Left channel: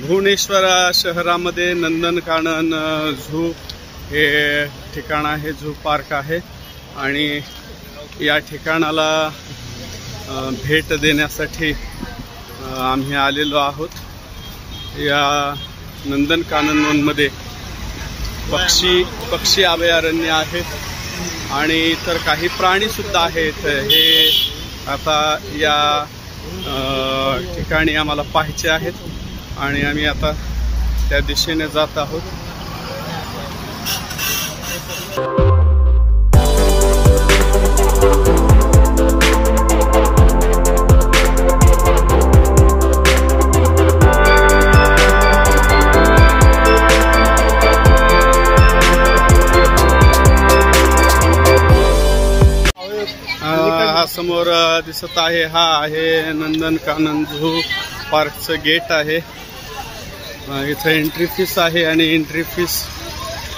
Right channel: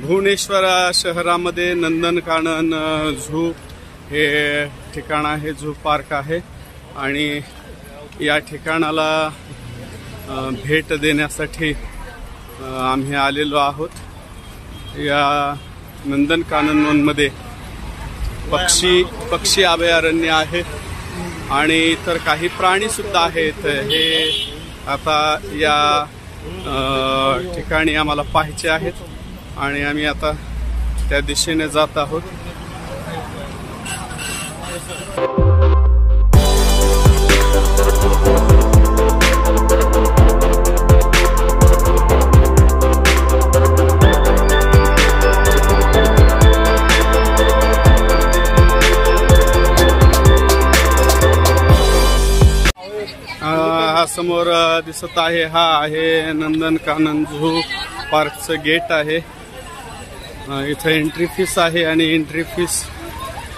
भुवनेश्वर शहरामध्ये नंदनकानन झू हे ठिकाण आहे, झू पार्क आहे आणि या ठिकाणाला भेट देण्यासाठी आम्ही आलेलो आहोत। या नंदनकाननमध्ये पक्षी अभयारण्य आहे आणि इतर काही प्राणी सुद्धा आहेत। हे आता या ठिकाणी आम्हाला पाहायचे आहेत आणि आम्ही आता त्या दिशेने जात आहोत। हा समोर दिसत आहे, हा आहे नंदनकानन झू पार्कचं गेट आहे। इथे एंट्री फीस आहे आणि एंट्री फीस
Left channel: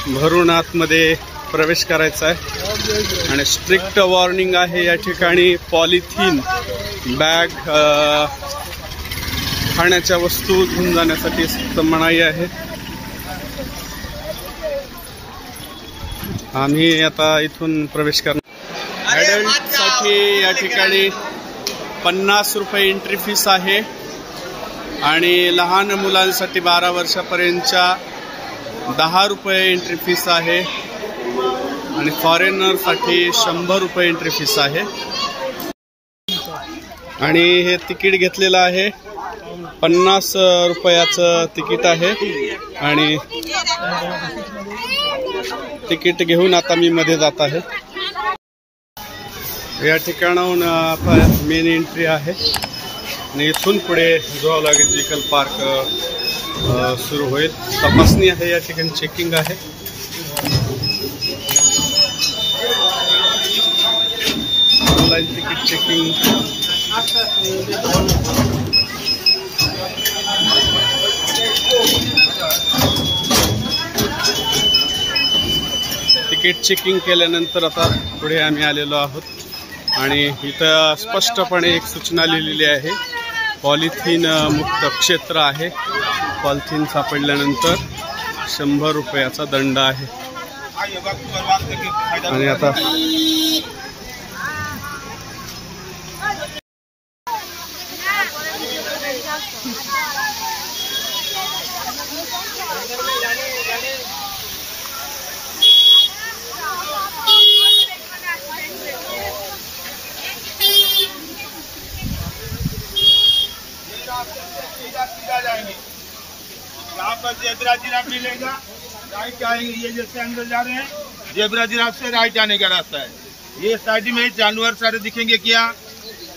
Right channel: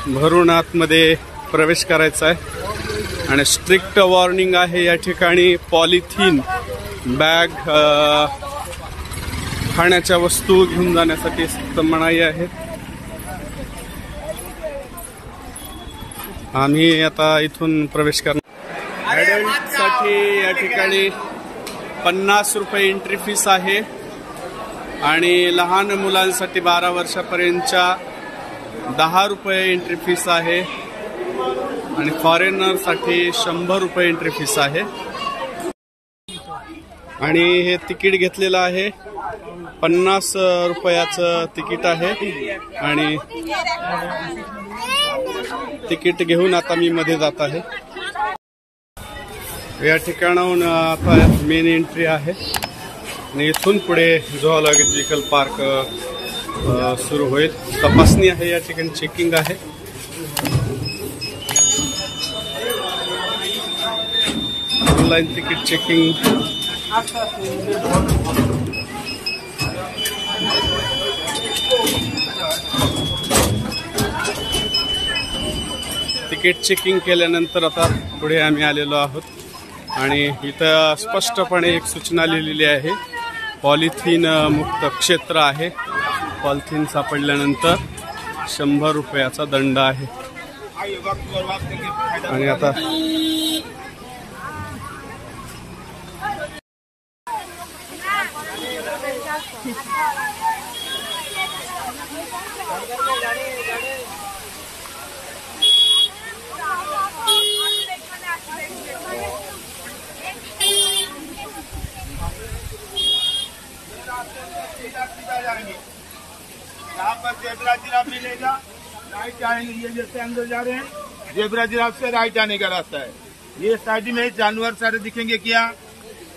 भरून आतमध्ये प्रवेश करायचा आहे आणि स्ट्रिक्ट वॉर्निंग आहे या ठिकाणी। पॉलिथिन बॅग खाण्याच्या वस्तू घेऊन जाण्यासाठी सक्त मनाई आहे। आम्ही आता इथून प्रवेश करणार। ॲडल्ट साठी या ठिकाणी 50 रुपये एंट्री फीस आहे आणि लहान मुलांसाठी 12 वर्षापर्यंतच्या 10 रुपये एंट्री फीस आहे आणि फॉरेनरसाठी 100 रुपये एंट्री फीस आहे। आणि हे तिकीट घेतलेलं आहे, 50 रुपयाचं तिकीट आहे आणि तिकीट घेऊन आता मी मध्ये जात आहे। या ठिकाणाहून आता मेन एंट्री आहे आणि इथून पुढे झूलॉजिकल पार्क सुरू होईल। तपासणी आहे या ठिकाणी, चेकिंग आहे। Online ticket checking. Ticket checking केल्यानंतर आता पुढे आम्ही आलेलो आहोत आणि इथं स्पष्टपणे एक सूचना लिहिलेली आहे, पॉलिथिन मुक्त क्षेत्र आहे। पॉलिथिन सापडल्यानंतर 100 रुपयाचा दंड आहे। आणि आता यहाँ पर जेब्रा जिराफ मिलेगा, राइट आएंगे। ये जैसे अंदर जा रहे हैं, जेब्रा जिराफ से राइट आने का रास्ता है। ये साइड में जानवर सारे दिखेंगे। क्या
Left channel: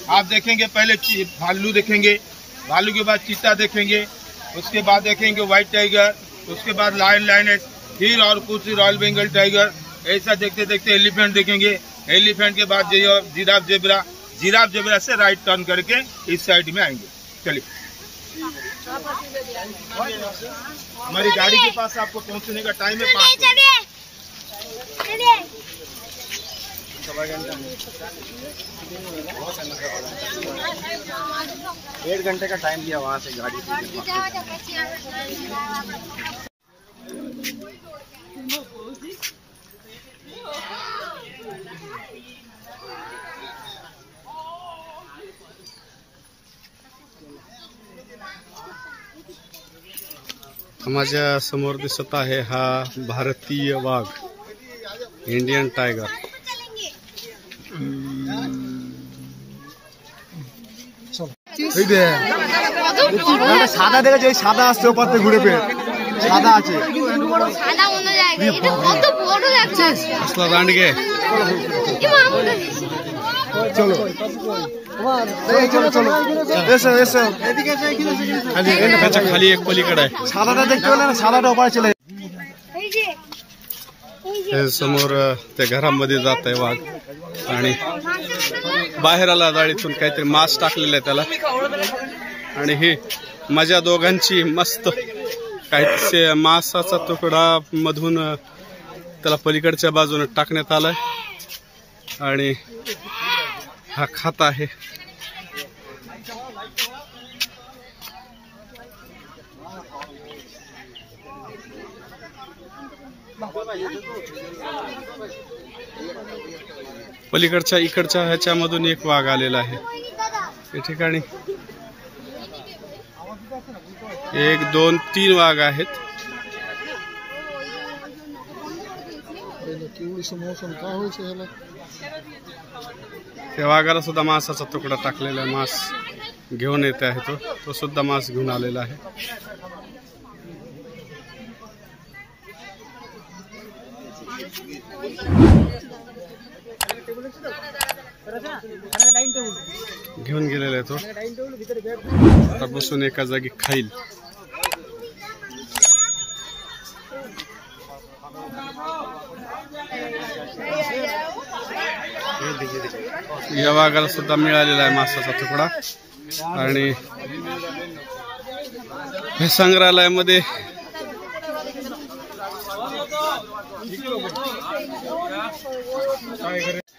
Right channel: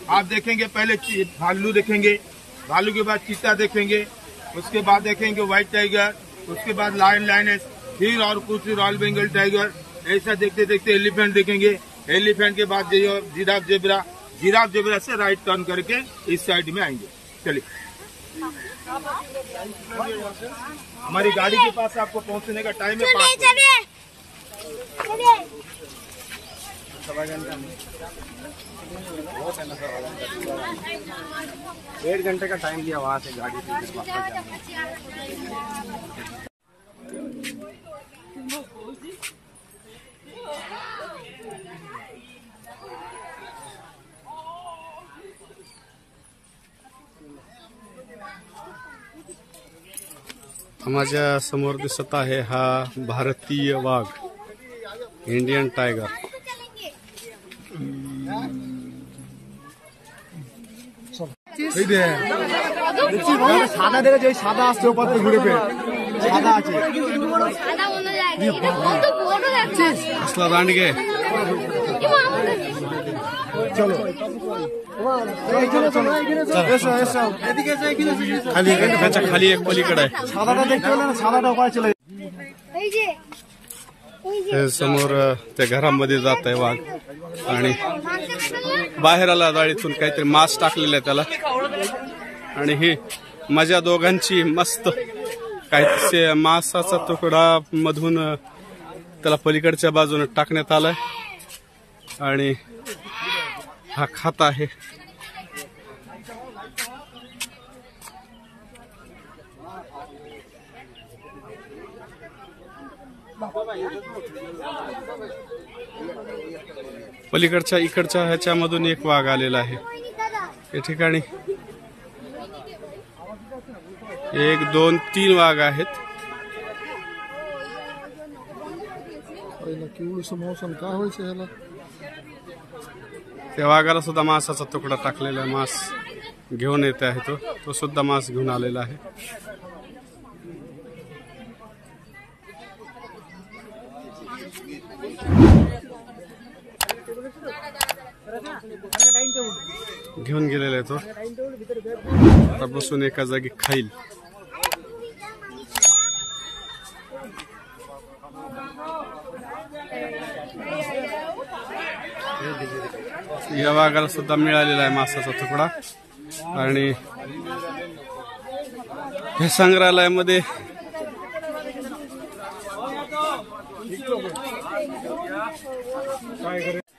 आप देखेंगे? पहले भालू देखेंगे, भालू के बाद चीता देखेंगे, उसके बाद देखेंगे व्हाइट टाइगर, उसके बाद लायन लायनेस, फिर और कुछ रॉयल बंगाल टाइगर। ऐसा देखते देखते एलिफेंट देखेंगे। एलिफेंट के बाद जिराफ जेब्रा, जिराफ जेब्रा से राइट टर्न करके इस साइड में आएंगे। चलिए, हमारी गाड़ी के पास आपको पहुंचने का टाइम है 1.5 घंटे का टाइम दिया वहाँ से गाड़ी माझ्या समोर दिसत आहे हा भारतीय वाघ, इंडियन टाइगर। সাদা দেখে সাদা আসছে ওপাতে ঘুরে পেয়ে সাদা আছে। असला दांडगे চলো त्याच्या खाली एक पलीकडे आहे। সাদাটা দেখতে পেলে না, সাদাটা ওপারে চলে समोर त्या घरामध्ये जात आहे वाघ आणि बाहेर आला जाळीतून काहीतरी मांस टाकलेलं आहे त्याला आणि ही माझ्या दोघांची मस्त काहीतरी मांसाचा तुकडा मधून त्याला पलीकडच्या बाजूने टाकण्यात आलाय आणि हा खात आहे। पलीकडच्या इकडच्या ह्याच्यामधून एक वाघ आलेला आहे या ठिकाणी. 1 2 3 वाघ आहेत. त्या वाघाला सुद्धा मांसाचा तुकडा टाकलेला आहे. मांस घेऊन येत आहे तो सुद्धा मांस घेऊन आलेला आहे. घेऊन गेलेला आहे तो. आता बसून एका जागी खाईल. या वाघाला सुद्धा मिळालेला आहे मांसाचा तुकडा. आणि हे संग्रहालयामध्ये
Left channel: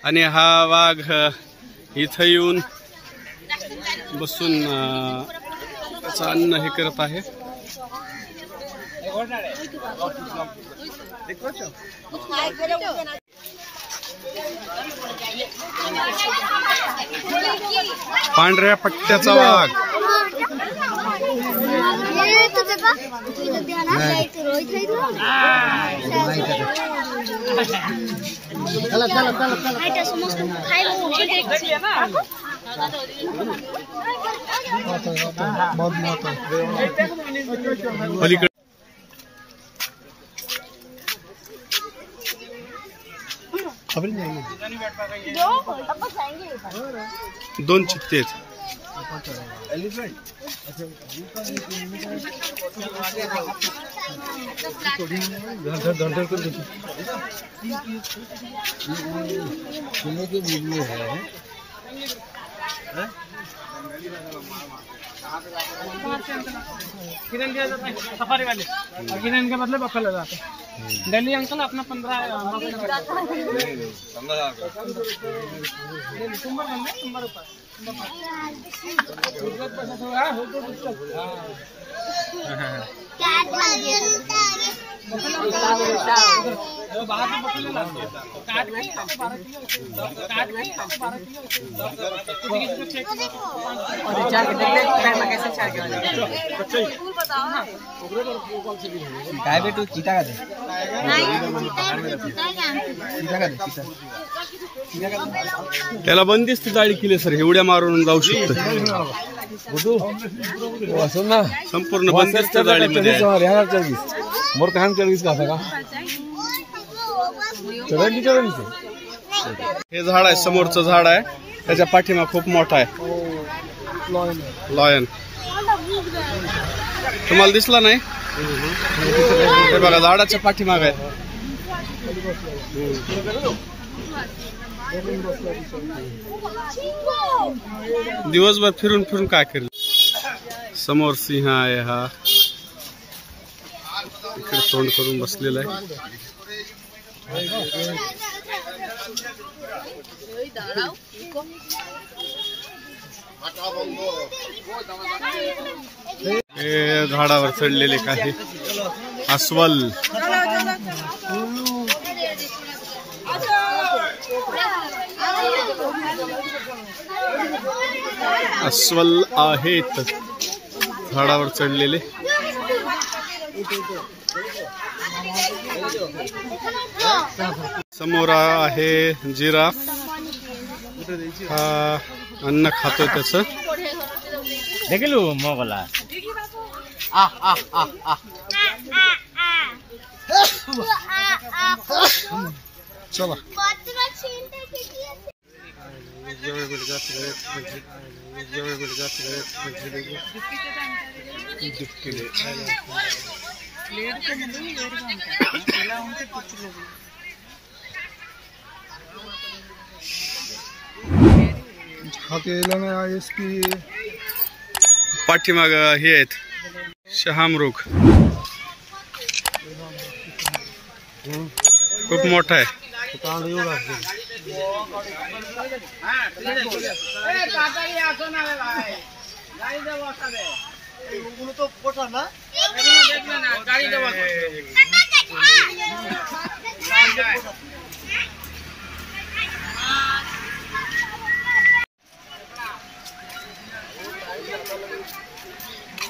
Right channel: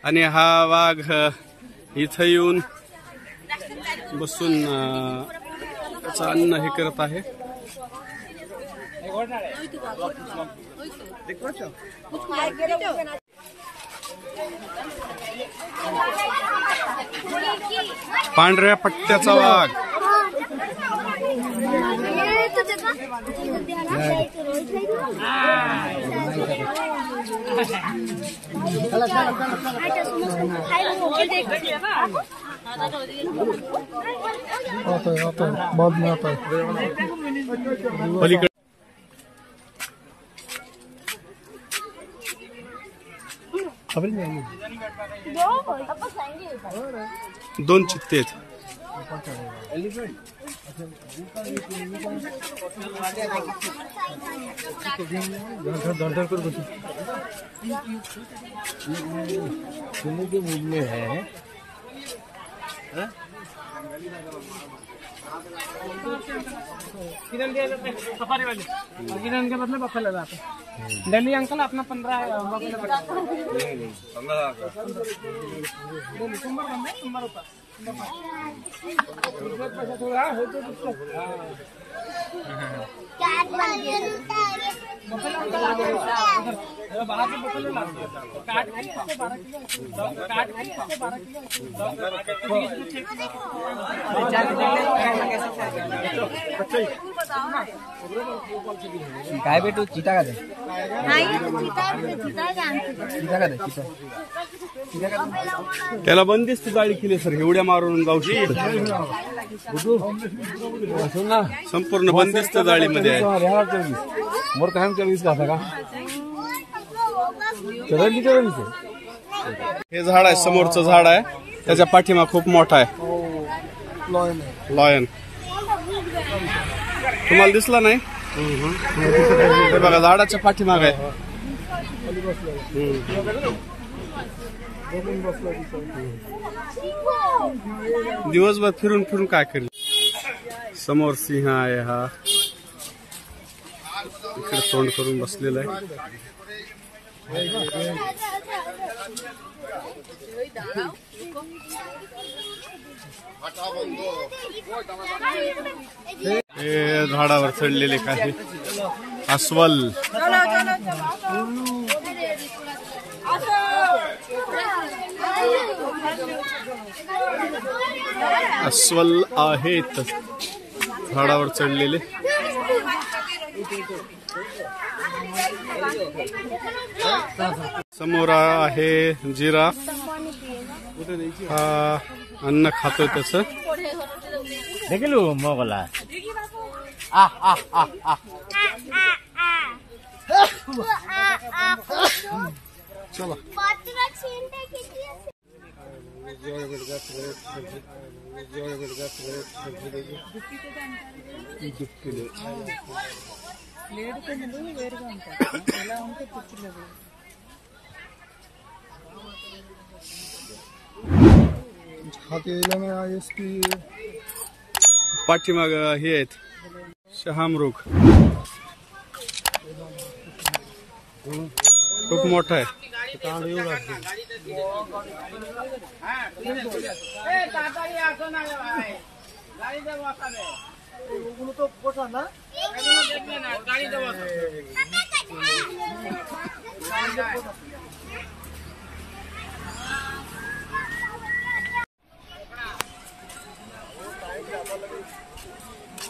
आणि हा वाघ इथं येऊन बसून त्याचं अन्न हे करत आहे. पांढऱ्या पट्ट्याचा वाघ. पलीकडे दोन चित्ते आहेत. किरण दिया जाता है सफारी वाले और किरण के बदले बफेलो जाता है. दिल्ली अंकल अपना 15 बाहर से बफेलो लाते हैं. काट के 12 किलो काट के 12 किलो 4 कैसे 4 काय बेटू चीता का दे त्याला बंदिस्त जाळी केली सर. एवढ्या मारून जाऊ शकतो. संपूर्ण बंदिस्त जाळीमध्ये आहे. मोर कहां सर्विस का था का हे झाड आहे समोरचं झाड आहे. त्याच्या पाठीमा खूप मोठा आहे लॉयन. तुम्हाला दिसला नाही? हे बघा झाडाच्या पाठीमाग आहे. दिवसभर फिरून फिरून काय करेल. समोर सिंह आहे. हा इकडे तोंड करून बसलेला आहे. हे झाडावर चढलेले काही अस्वल. अस्वल आहेत झाडावर चढलेले. समोर आहे जिराफ. हा अन्न खातोय त्याचं. देखलो मोगला चला पाठीमाग हे आहेत शहामृग. खूप मोठा आहे.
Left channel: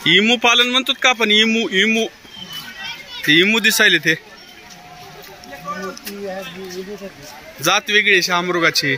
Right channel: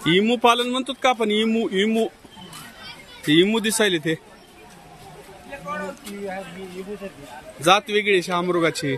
इमू पालन म्हणतात का आपण? इमू इमू ते इमू दिसायले ते जात वेगळी शामृगाची.